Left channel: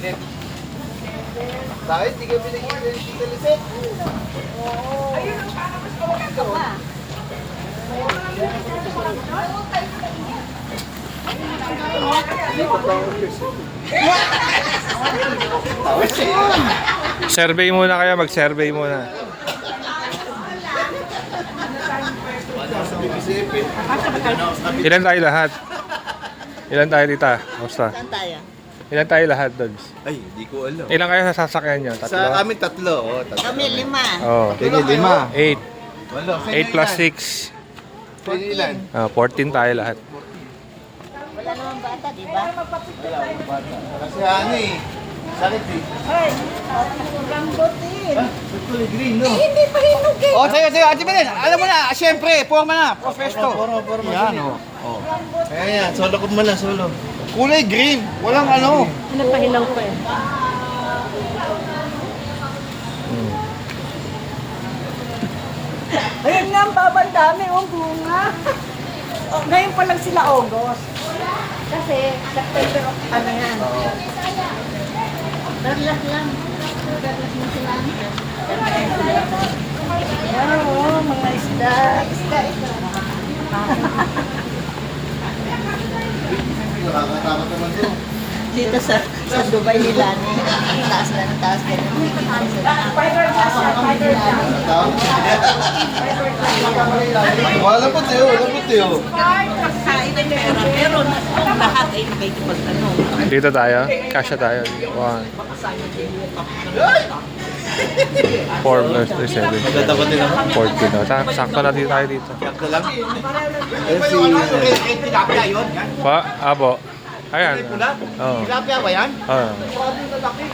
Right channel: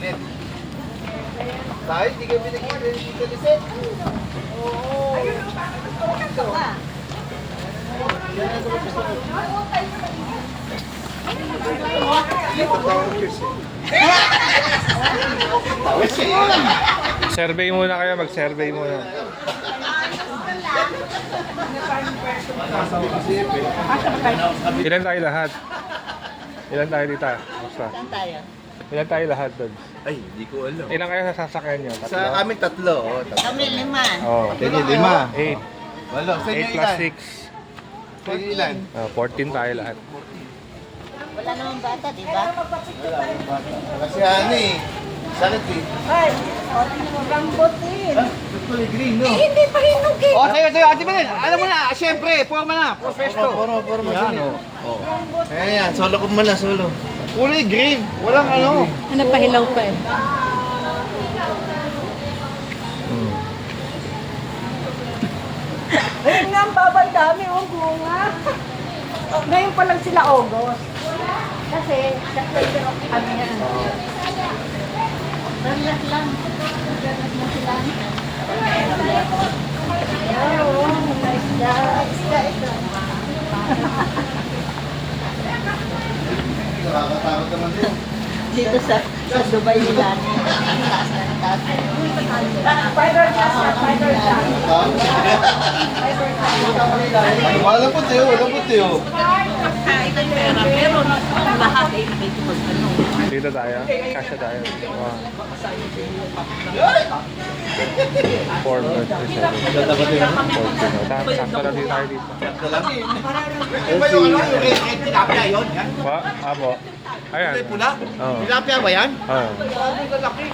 Bakit di kami nagkita yung Tita Lisette? Survey muna kayo, mag-survey muna. Ilan tayo lahat? Ilan tayo tita? Basta. Ilan tayo lahat doon? Ay, hindi ko alam. Ilan kayo sa sasakyan nyo? Sa Tatlo? amin tatlo. Oh, tatlo. Kami 5. Oh, Kanya 5. 8. Walo. 8 plus 6. Sa inyo ilan? 14 tayo lahat. Wala namang bata, di ba? Kasi ano eh. Sakit eh. Ay, rambutin. Tutuli green, no? Hindi pa hinog eh. Oh, sige, sige. Ate Belen, alam mo na, siyempre, forma na. Profesto. Poro magaling. Kaya yan, solo ko muna, solo. Kulay green. Walang ano. Pinapahilaw pa eh. Ayun nga, ang babal dami, oh, bunga. Oh, ngayon pa lang sila August. Kasi, September, ano yan? Relax lang. Relax mo sila. Ayun, mga isda. Isda. Nakakatakot naman to. Dito sa Dubai nila. Taas na, taas na. Fiber glass yan, fiber glass. Malapot eh, oh. Lapot eh, oh. Pero lahat ay may ano. Dito tayo. Kasya tayo. 1. 4 plus 3, 7. Maganda ba din ako? 14. No? Sakto natin tayo dito. Sakto lang. Eh, si... Tilapia yun. Yan. Pa? Apo. Ayan. Oo. Tilapia ba yan? Ah. Sabi ko laki.